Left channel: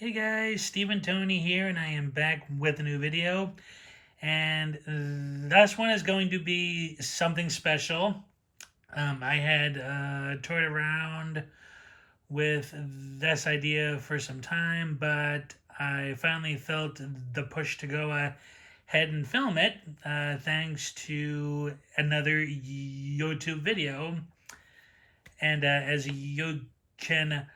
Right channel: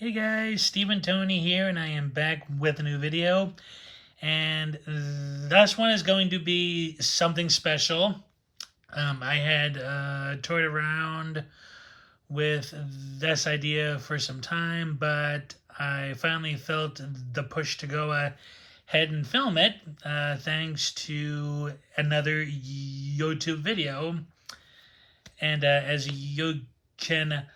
Hey guys, Stephen Tony here, and I am back with a new video. And this one is going to be something special. I had toyed around with this idea for some time, but I finally felt the push to go ahead and film it, thanks to another YouTube video. And as you can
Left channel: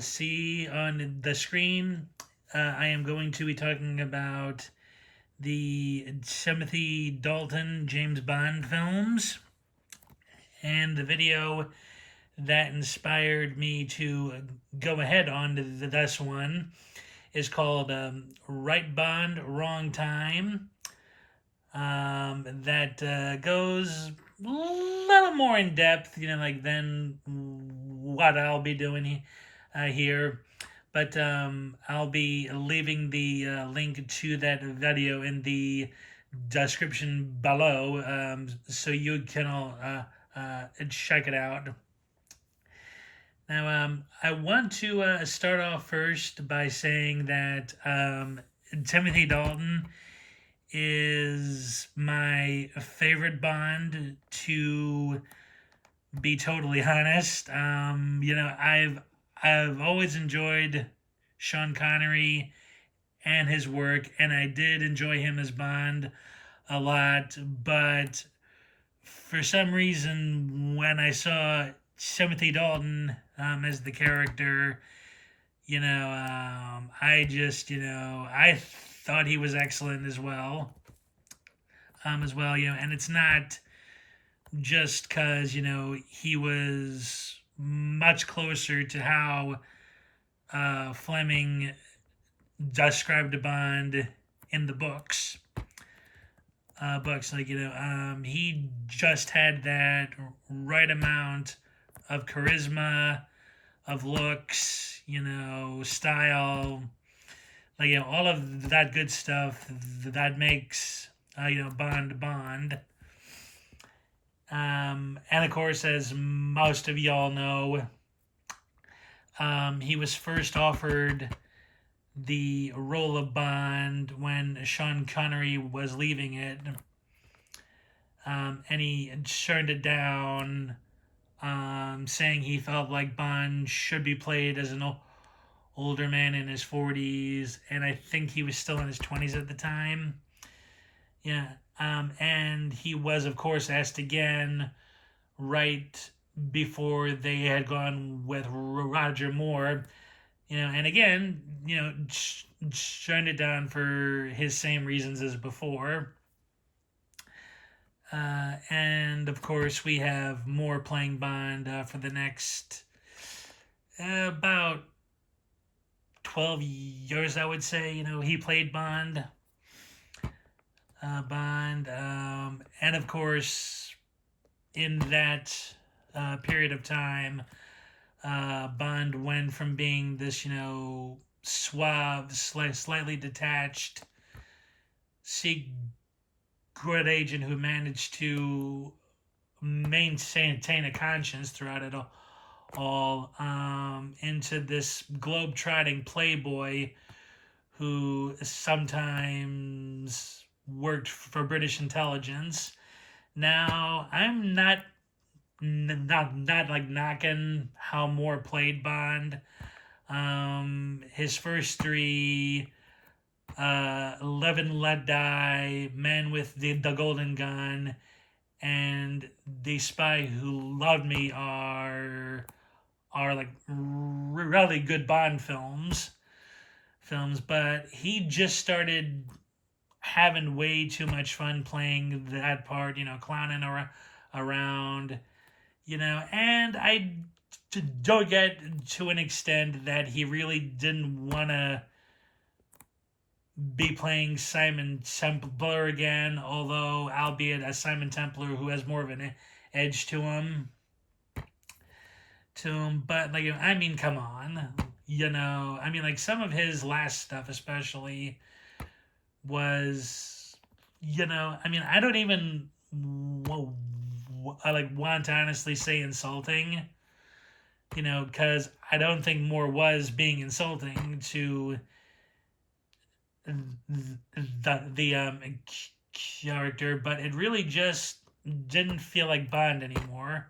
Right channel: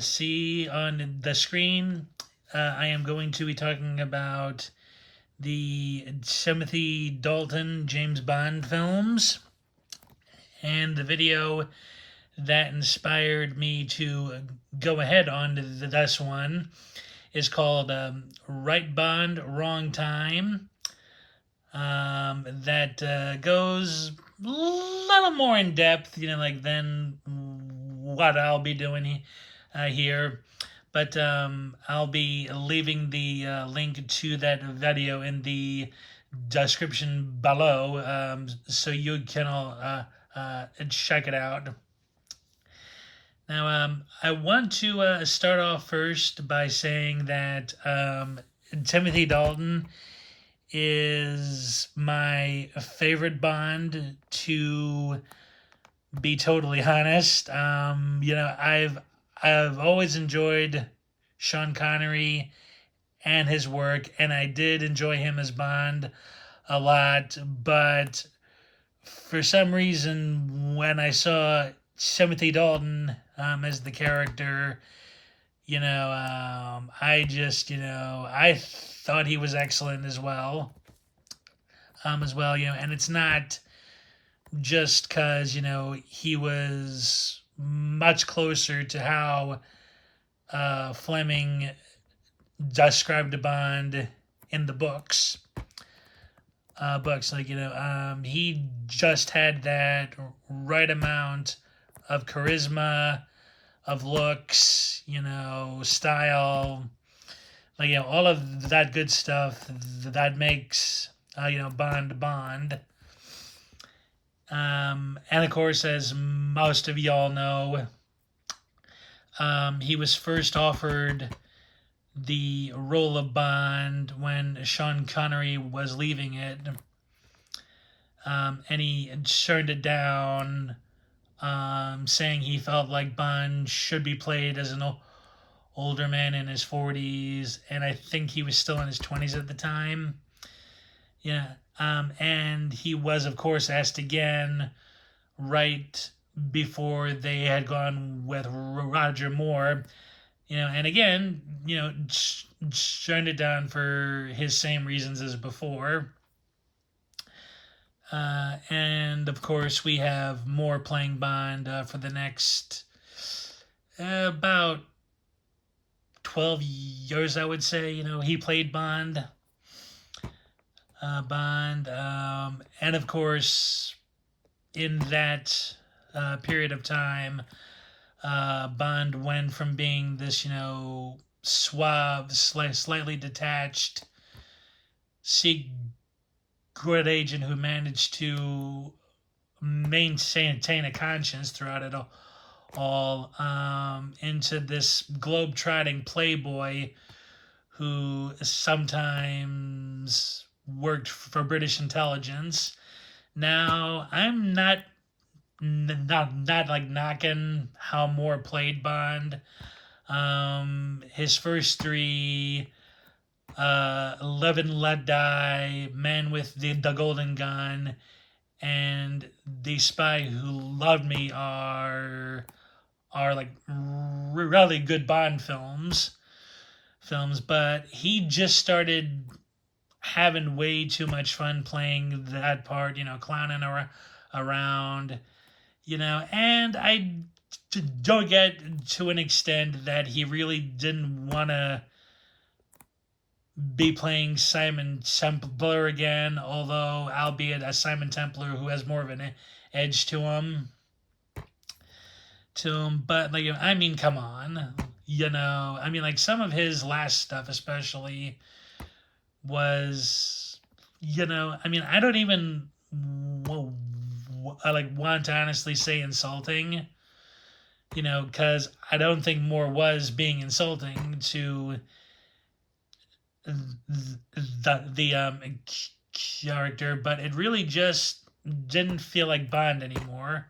see on the screen, I am going to be talking about the Timothy Dalton James Bond films. And the video that inspired me to go ahead on to this one is called Right Bond, Wrong Time. That goes a little more in depth, than what I'll be doing here. But I'll be leaving the link to that video in the description below, so you can all check it out. Now, I want to start off first by saying that Timothy Dalton is my favorite Bond, to be totally honest. I've always enjoyed Sean Connery and his work, and I did enjoy him as Bond a lot. But for some reason, when I saw Timothy Dalton as the character, I thought he was excellent as well. And it's not just because he was much closer to how Fleming described Bond in the books. He just had that right amount of charisma, of looks, style, all of that good stuff that makes Bond Bond. And of course, as most of y'all know, he was first offered the role of Bond when Sean Connery was leaving it, and he turned it down, saying he felt like Bond should be played as an older man in his 40s, and I think he was still in his 20s at the time. Yeah. And he was, of course, asked again right before they had gone with Roger Moore, and again, turned it down for his same reasons as before. And of course, we have Moore playing Bond for the next about 12 years, I would say. He played Bond. And of course, in that period of time, Bond went from being this, suave, slightly detached secret agent who managed to maintain a conscience throughout it all, into this globe-trotting playboy who sometimes worked for British intelligence. Now, I'm not like knocking how Moore played Bond. His first three, Live and Let Die, Man with the Golden Gun, and The Spy Who Loved Me are like really good Bond films, but he just started having way too much fun playing that part, clowning around, and I don't get to an extent that he really didn't want to be playing Simon Templar again, although albeit a Simon Templar who has more of an edge to him. But come on, like some of his last stuff, especially, was, I don't even want to honestly say insulting, because I don't think Moore was being insulting to the character, but it really just didn't feel like Bond anymore.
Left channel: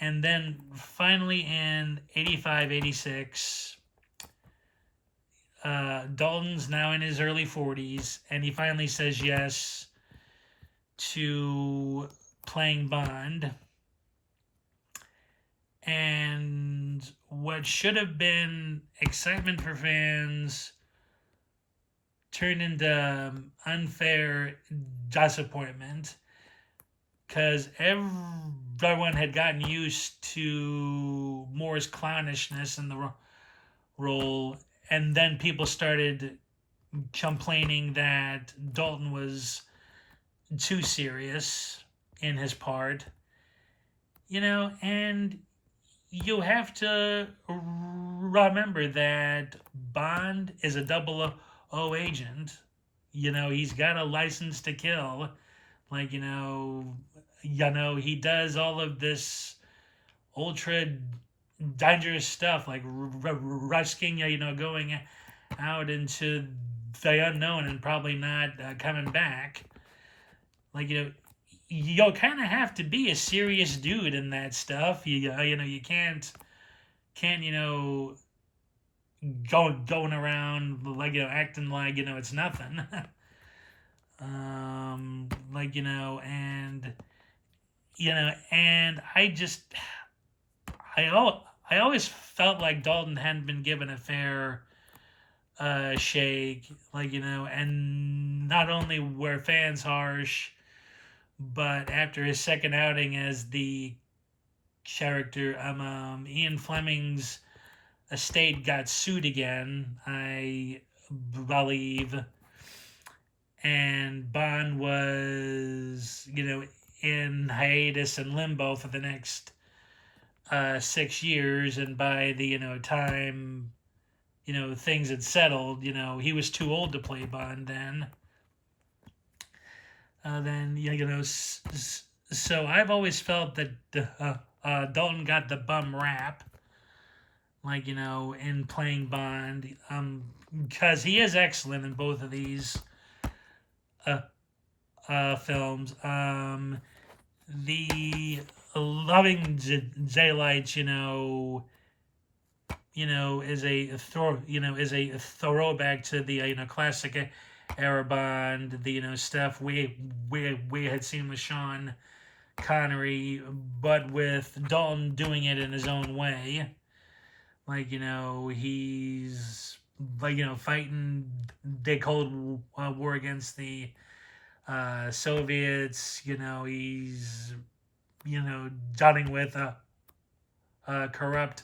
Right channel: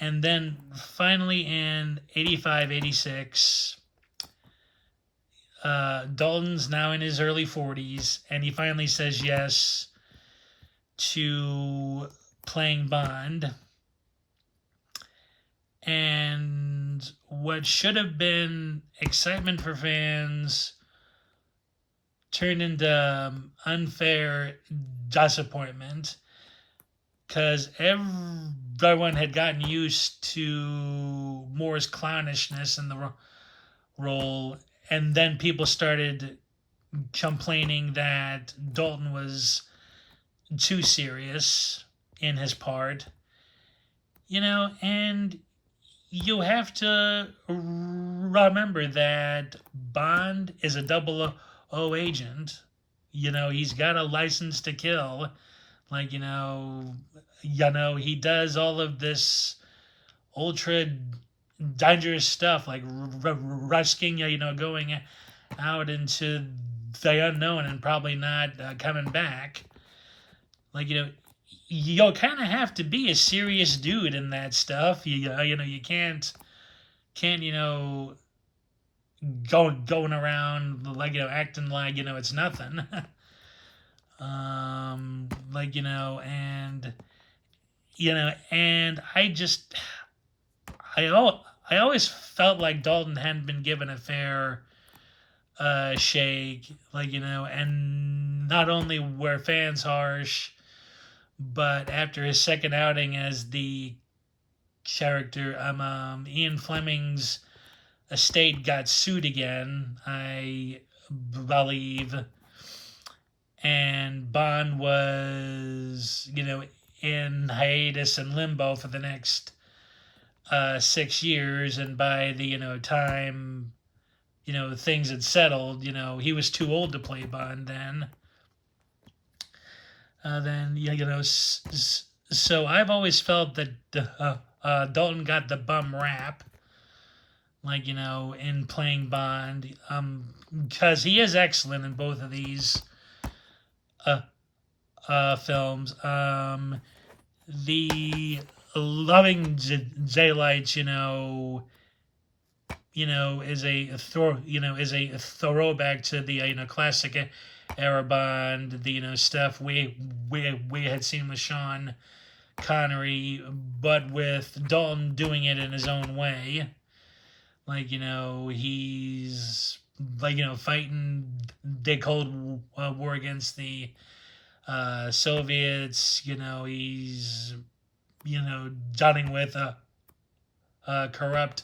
And then finally in 85, 86, Dalton's now in his early 40s, and he finally says yes to playing Bond. And what should have been excitement for fans turned into unfair disappointment because everyone had gotten used to Moore's clownishness in the role, and then people started complaining that Dalton was too serious in his part, and you have to remember that Bond is a double O agent. He's got a license to kill. Like, he does all of this ultra dangerous stuff, like risking, going out into the unknown and probably not coming back. Like, you'll kind of have to be a serious dude in that stuff. You can't going around like acting like it's nothing. Like and I always felt like Dalton hadn't been given a fair shake, and not only were fans harsh, but after his second outing as the character, Ian Fleming's estate got sued again, I believe, and Bond was, in hiatus and limbo for the next 6 years, and by the time things had settled, he was too old to play Bond then. So I've always felt that Dalton got the bum rap, in playing Bond, because he is excellent in both of these films. The Loving Daylights, is a throwback to the classic era Bond, the stuff we had seen with Sean Connery, but with Dalton doing it in his own way. He's fighting the Cold War against the Soviets. He's dealing with corrupt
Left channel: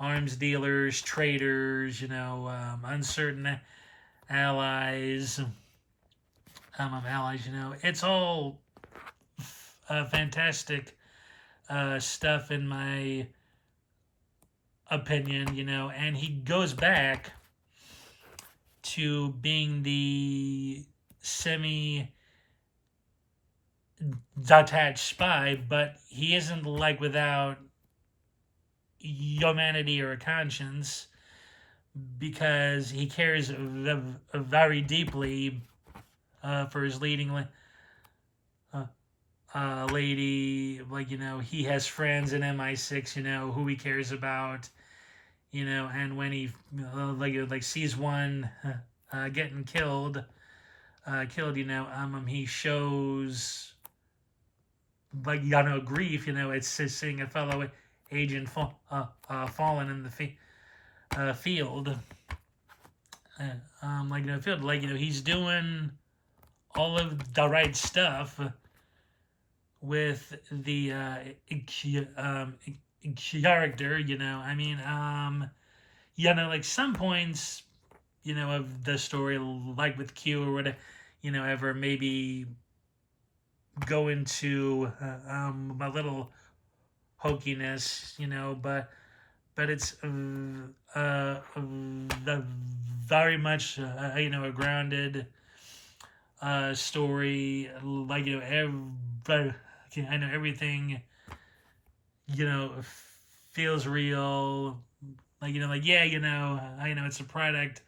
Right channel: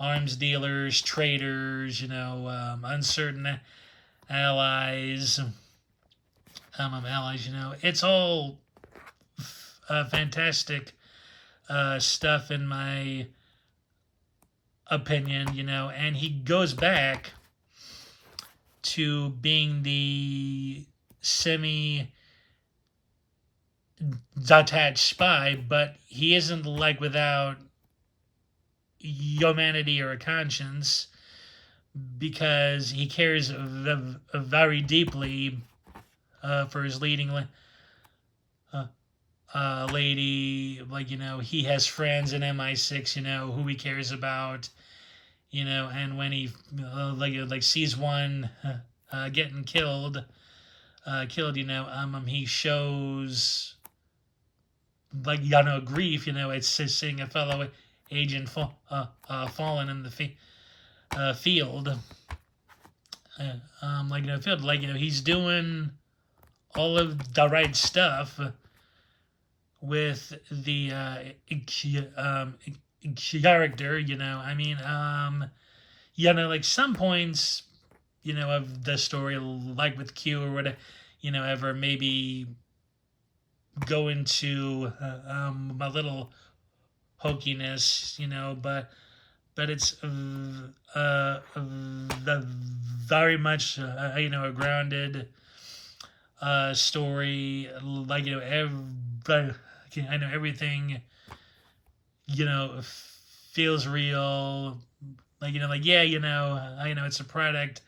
arms dealers, traitors, uncertain allies. It's all fantastic stuff in my opinion, and he goes back to being the semi detached spy, but he isn't without humanity or a conscience, because he cares very deeply for his leading lady. He has friends in MI6, who he cares about, and when he sees one getting killed, he shows grief. It's seeing a fellow agent fallen in the field. He's doing all of the right stuff with the character. Some points, of the story, like with Q or whatever, ever maybe go into a little hokiness, but it's very much a grounded story. I know everything feels real. Like like yeah, it's a product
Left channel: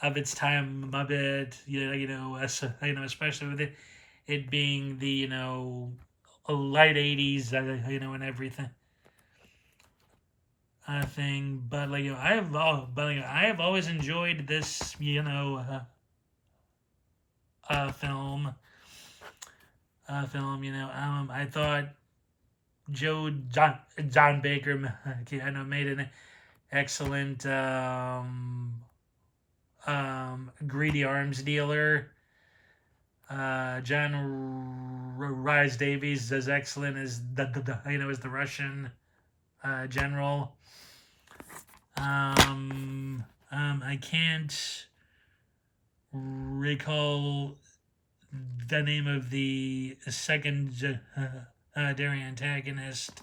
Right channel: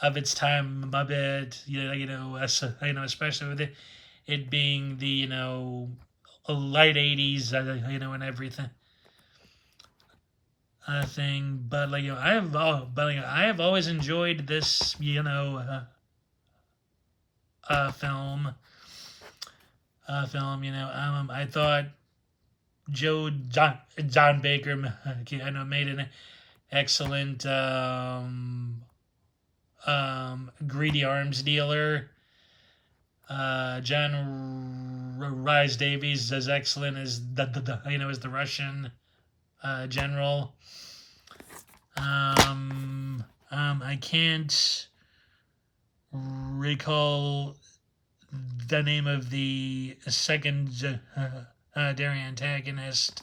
of its time a bit. Especially with it being the late '80s, and everything thing. But I have always enjoyed this film. I thought John Baker made an excellent greedy arms dealer. John Rhys Davies is excellent as as the Russian general. I can't recall the name of the second dairy antagonist.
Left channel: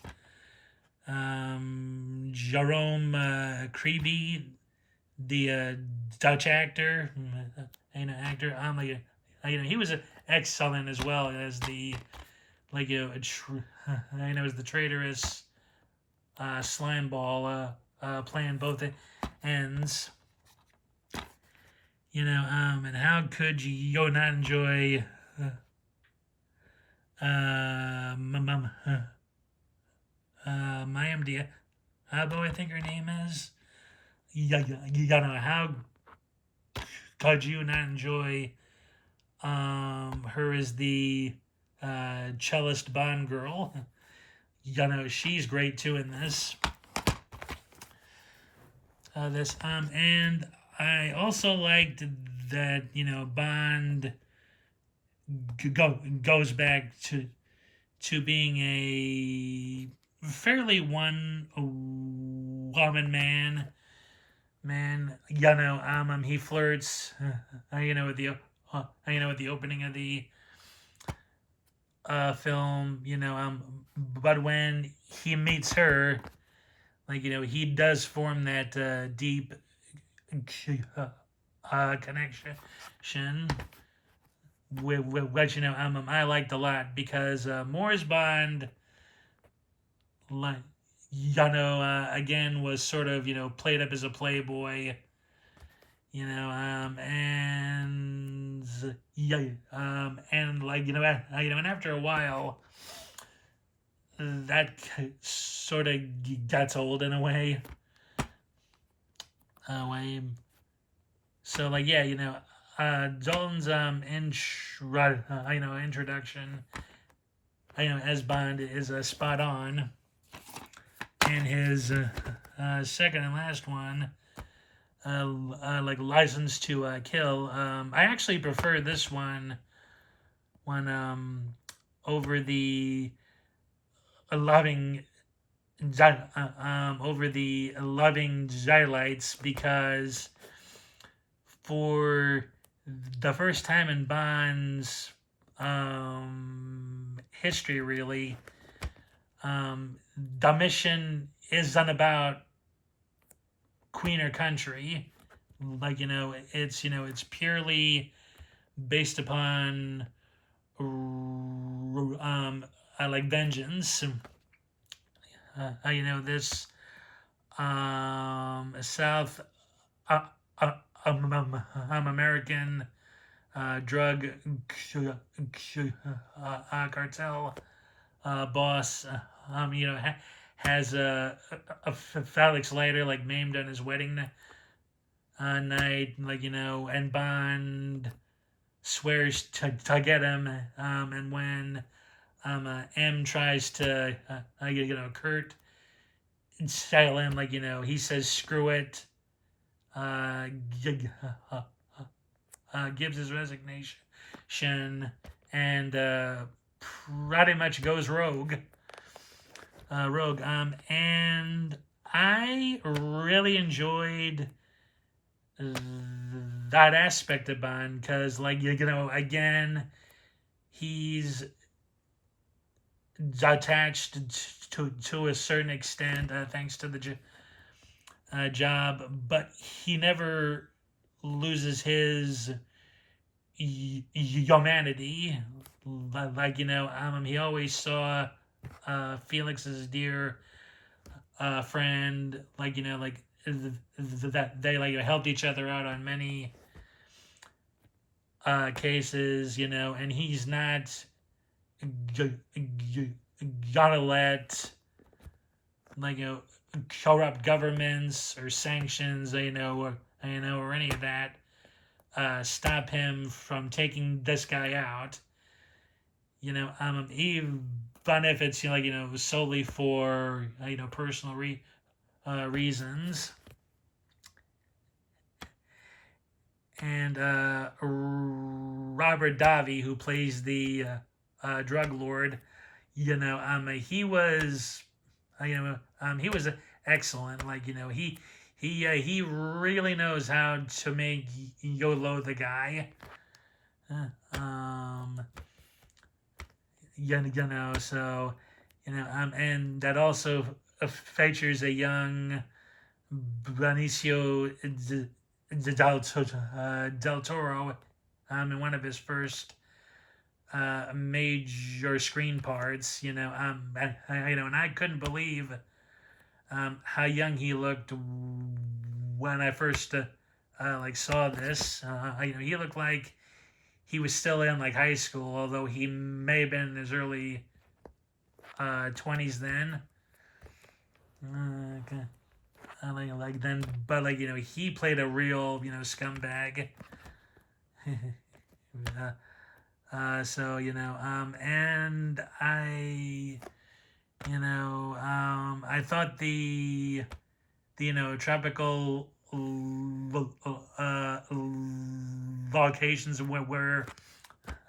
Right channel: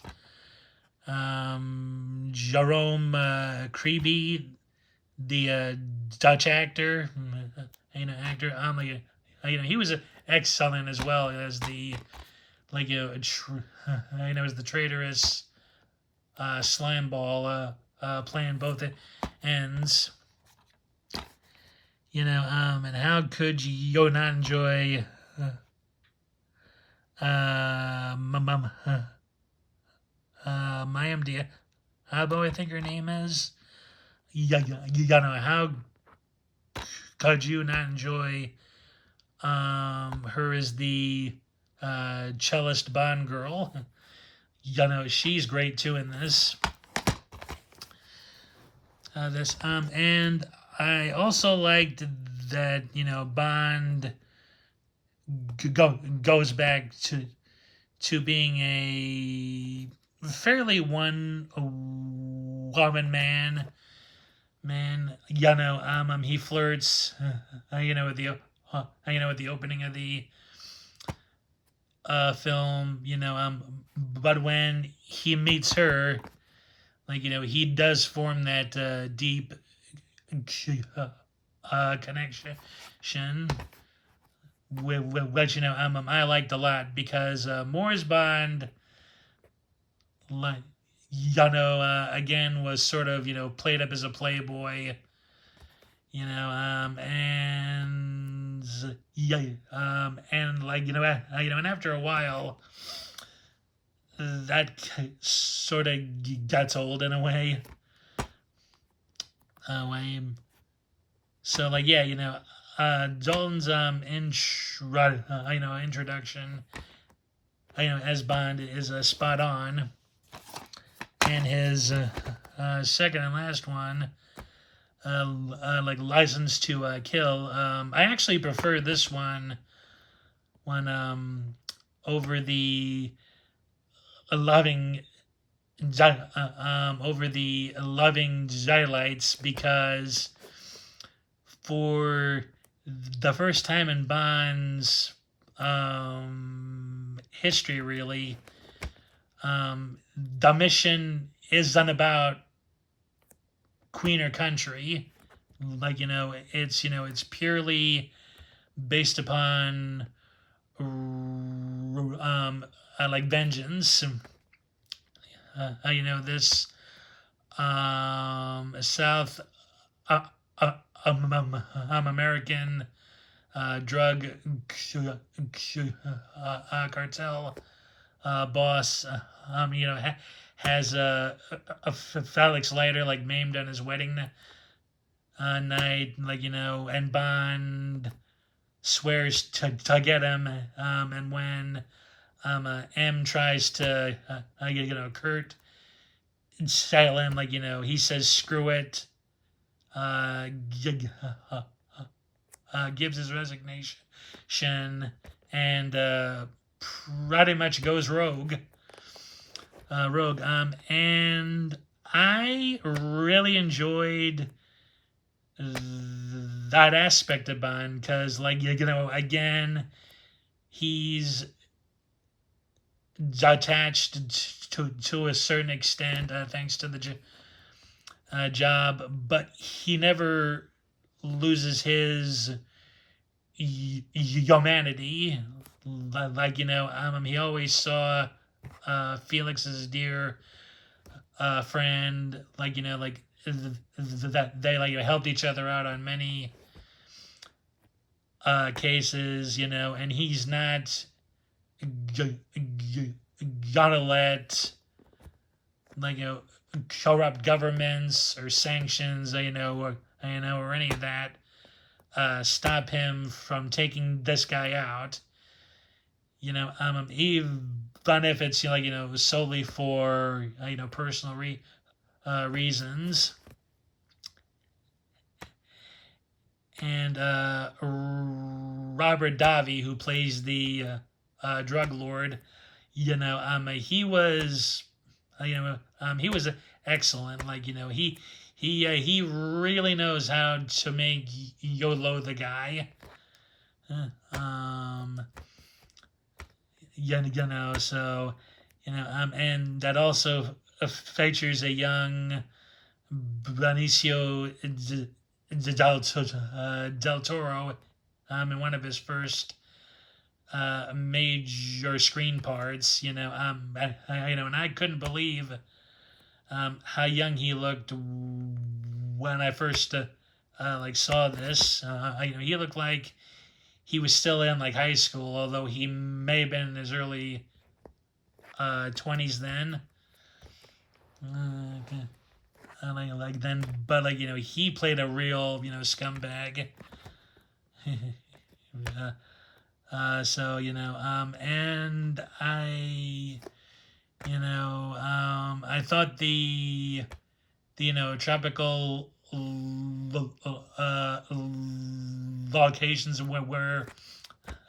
Jerome Creeby, the Dutch actor, actor. He was excellent as well as the as the traitorous slime ball playing both ends. And how could you not enjoy Mayim Diabo, I think her name is. How could you not enjoy her as the cellist Bond girl? She's great too in this. And I also liked that Bond goes back to being a fairly one woman man. He flirts with the with the opening of the film. But when he meets her, he does form that deep connection which I liked a lot because Moore's Bond, like again was sort of played up as a playboy, and yeah, and and after a while, that sort of gets old in a way. So yeah, Dalton's introduction, as Bond is spot on, and his second and last one, License to Kill. I actually prefer this one over the loving Daylights because for the first time in Bond's history, really, the mission isn't about queen or country. It's purely based upon vengeance. This South American drug cartel boss, has a Felix Leiter maimed on his wedding night, and Bond swears to get him, and when M tries to Kurt settle him, he says screw it, gives his resignation, and pretty much goes rogue. And I really enjoyed that aspect of Bond because, again, he's attached to a certain extent thanks to the job, but he never loses his humanity. He always saw Felix as dear friend, like like that they like helped each other out on many cases, and he's not g- g- gonna let like corrupt governments or sanctions, or any of that stop him from taking this guy out. Even if it's solely for personal reasons. And Robert Davi, who plays the drug lord, he was excellent. He really knows how to make Yolo the guy. Um, so and that also features a young Benicio Del Toro in one of his first major screen parts. And I couldn't believe how young he looked when I first saw this. He looked like he was still in high school, although he may have been in his early 20s then. Okay. Then, but he played a real scumbag. So and I thought the tropical locations were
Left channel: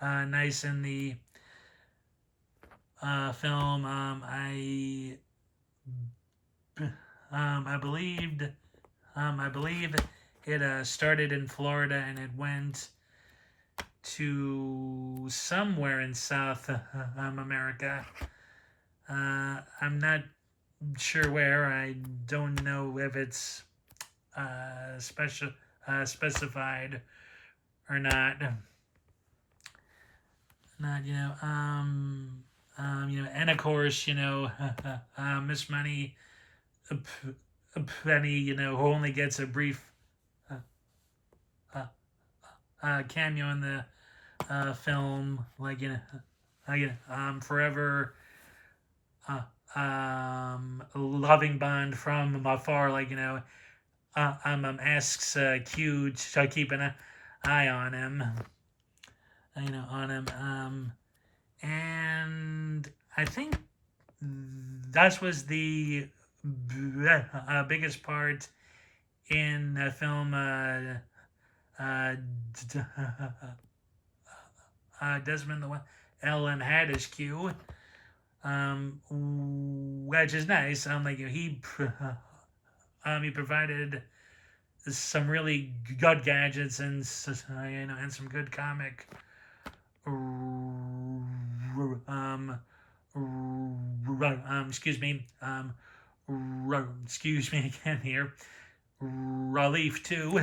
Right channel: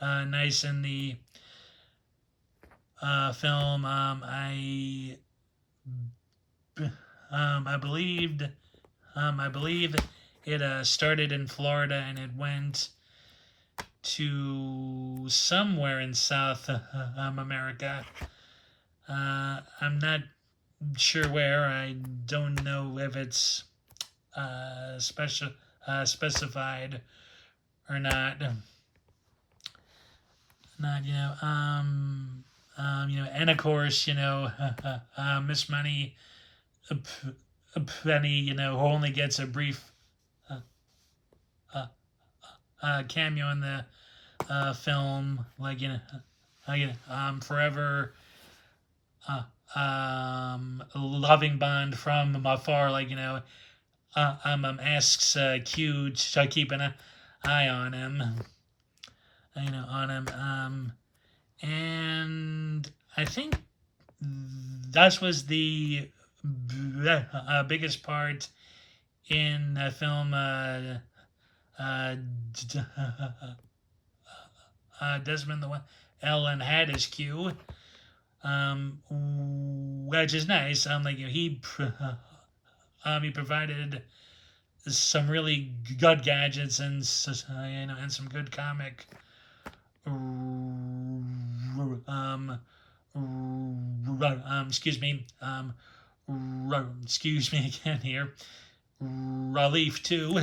nice in the film. I believed I believe it started in Florida and it went to somewhere in South America. I'm not sure where. I don't know if it's specified or not. Not and of course Miss Money Penny who only gets a brief uh, uh, cameo in the film, forever loving Bond from afar, asks Q to keep an eye on him, and I think that was the biggest part in the film. Uh, Desmond the one Ellen had as Q, which is nice. He provided some really good gadgets and and some good comic excuse me excuse me again here relief too.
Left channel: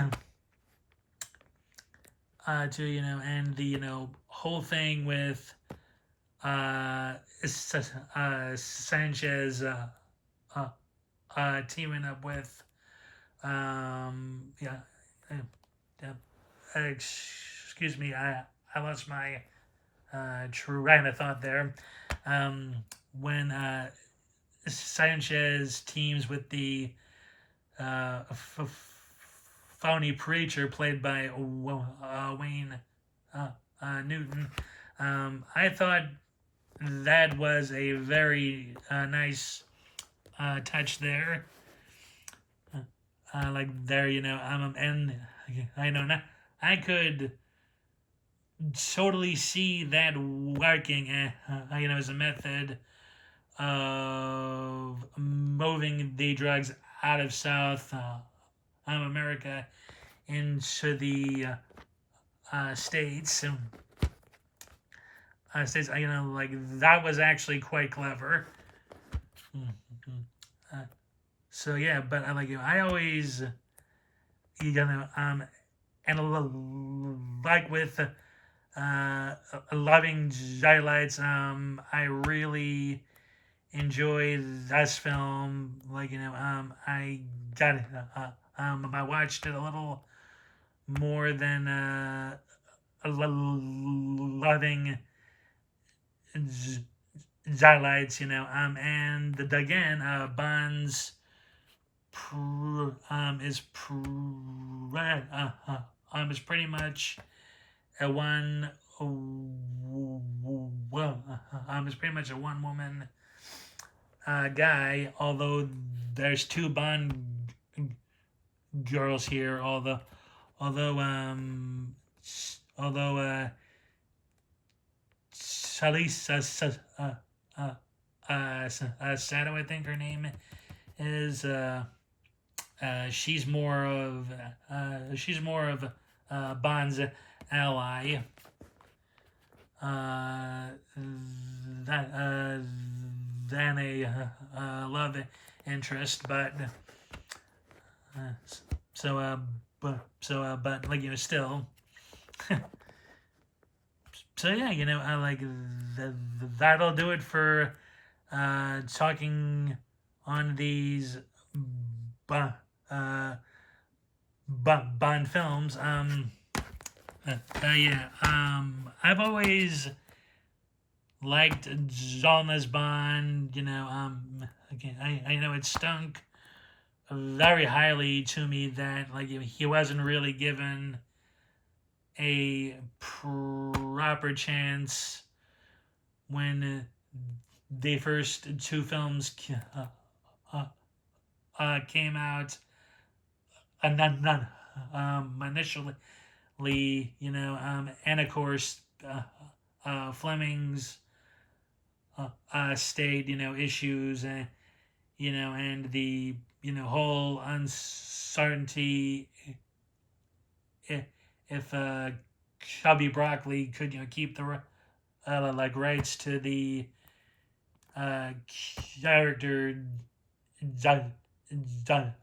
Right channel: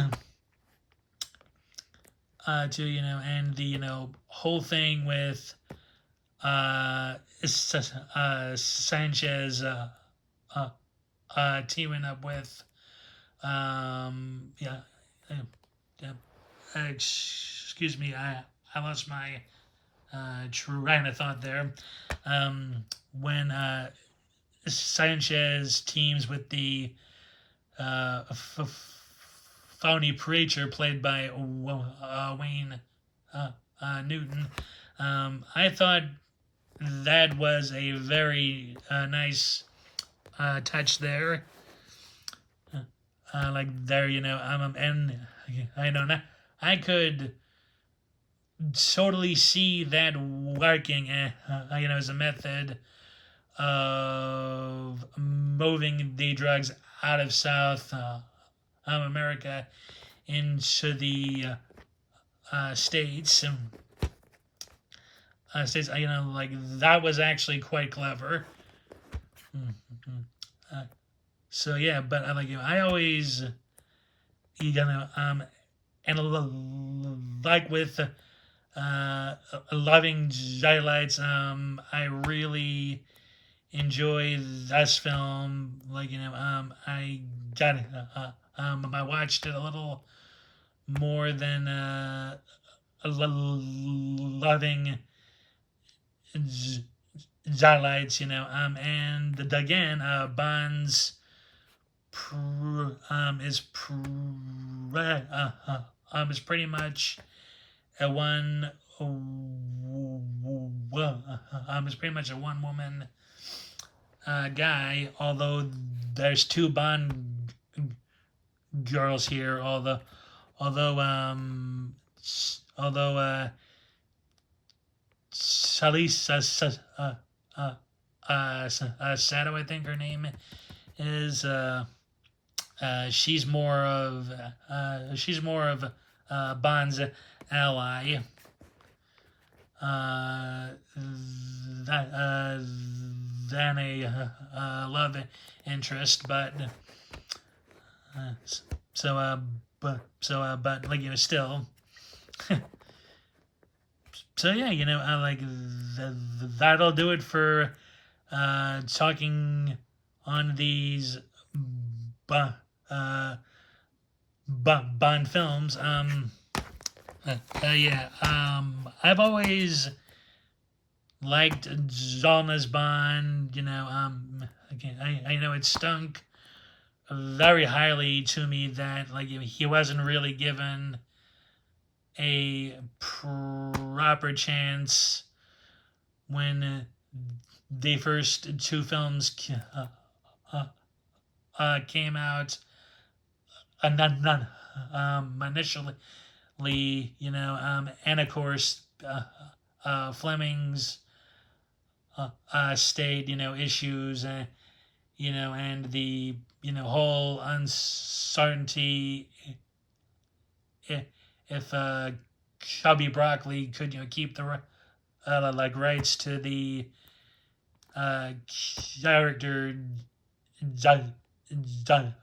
And the whole thing with Sanchez teaming up with yeah, yeah excuse me, I lost my train of thought there. Um, when Sanchez teams with the uh, phony preacher played by Wayne Newton, I thought that was a very nice touch there. There, and I know now I could totally see that working, as a method of moving the drugs out of South America into the states. States, that was actually quite clever. Mm-hmm. So yeah, but I always, and like with loving highlights, I really enjoy this film. Like I got it. I watched it a little more than loving highlights. And again, Bond's is pretty much a one. Well, is pretty much a one woman guy. Although there's two Bond girls here. Although although Salisa Sato, I think her name is. She's more of Bond's ally. That than a love interest, but so but like still. So yeah, I like that'll do it for talking on these uh, Bond films. Yeah. I've always liked Zalna's Bond. Again, I know it stunk very highly to me that like he wasn't really given a proper chance when the first two films came out. None initially, and of course, Fleming's state, issues, and the whole uncertainty if Chubby Broccoli could keep the like rights to the character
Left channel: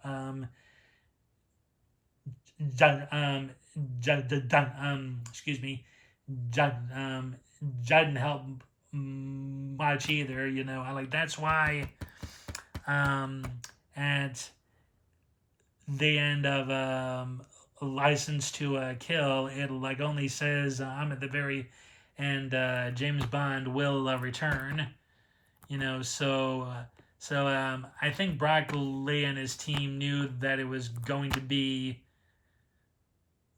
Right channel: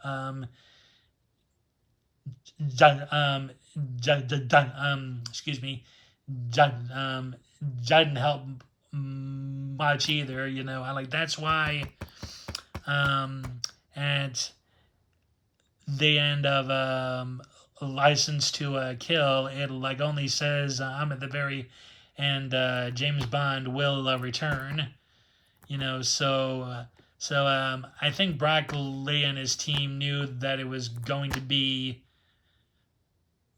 um excuse me, didn't help much either. I like that's why at the end of License to Kill, it like only says I'm at the very end. James Bond will return. So I think Broccoli and his team knew that it was going to be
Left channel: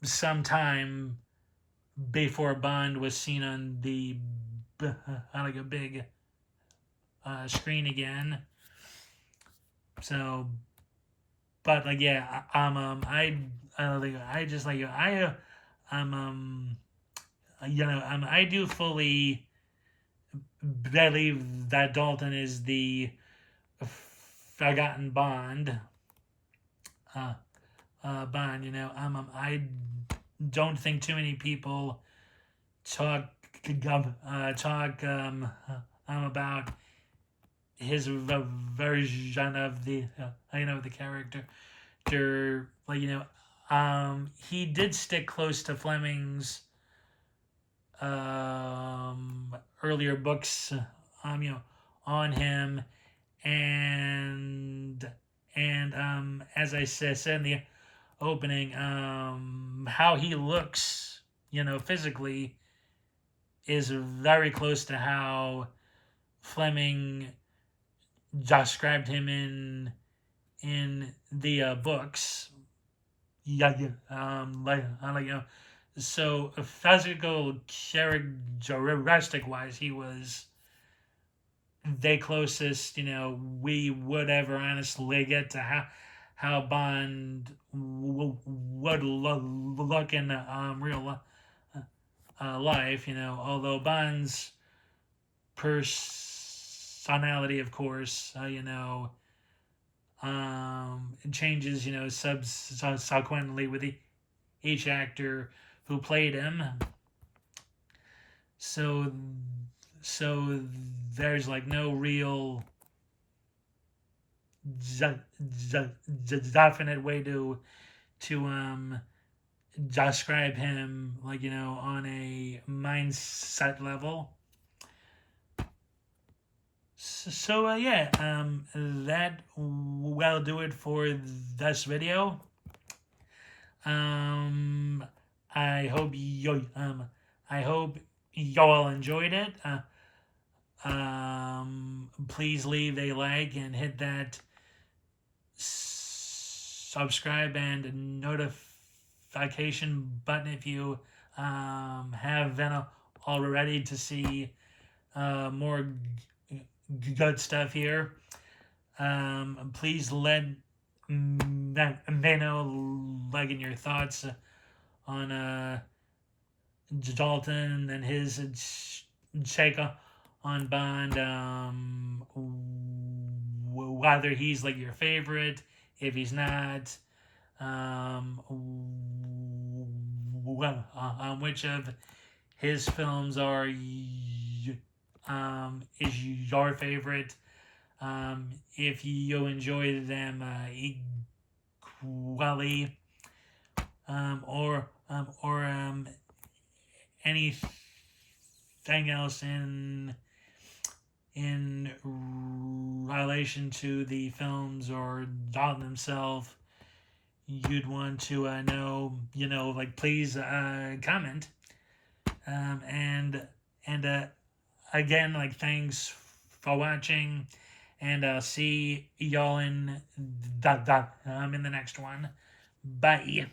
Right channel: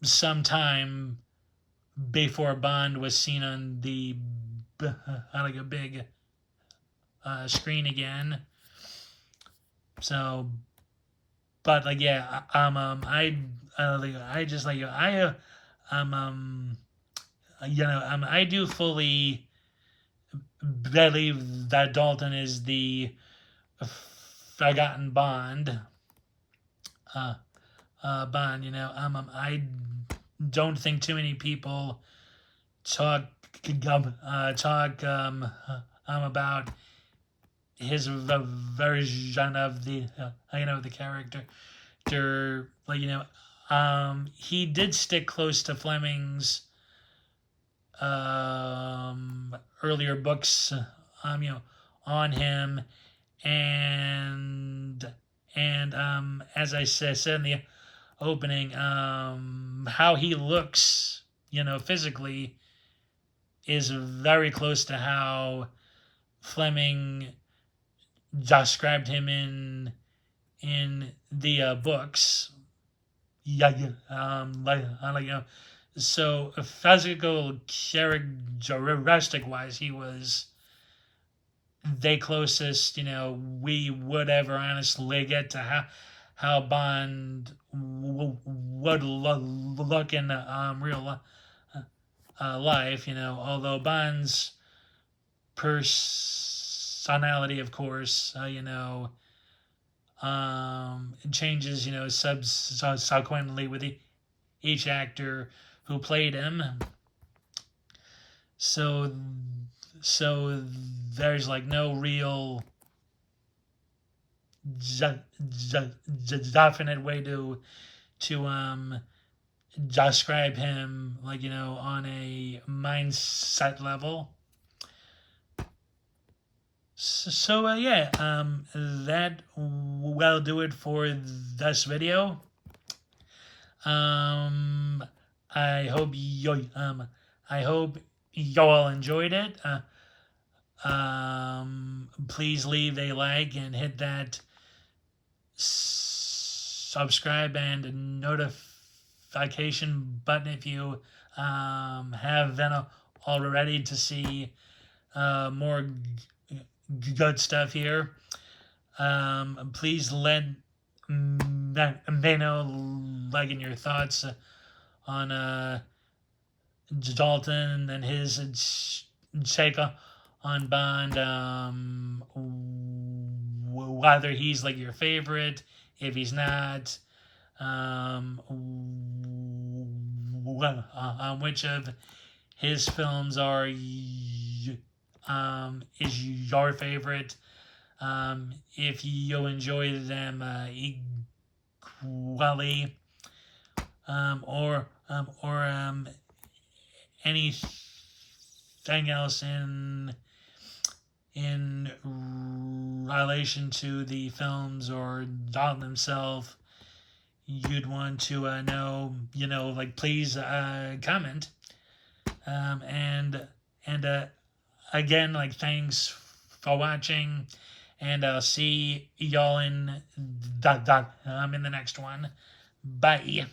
some time before Bond was seen on the like a big screen again. So, but like yeah, I just like I do fully believe that Dalton is the forgotten Bond. Bond. I don't think too many people talk about his version of the the character. Like he did stick close to Fleming's earlier books. On him, and as I said in the opening, how he looks, physically, is very close to how Fleming described him in the books. Yeah, so physical characteristic wise, he was the closest we would ever honestly get to how Bond would look in real life. Although Bond's personality, of course, changes, subsequently with each actor who played him. So there's like no real definite way to describe him, like on a mindset level. So yeah, that will do it for this video. Um, I hope you I hope you all enjoyed it. Please leave a like and hit that subscribe and notification button if you have been already to see more good stuff here. Please let me know like in your thoughts on Dalton and his take on Bond. Whether he's like your favorite, if he's not, which of his films are is your favorite. If you enjoy them equally, or anything else in relation to the films or Dalton himself you'd want to know, like please comment. And again, like thanks for watching, and I'll see y'all in the next one. Bye.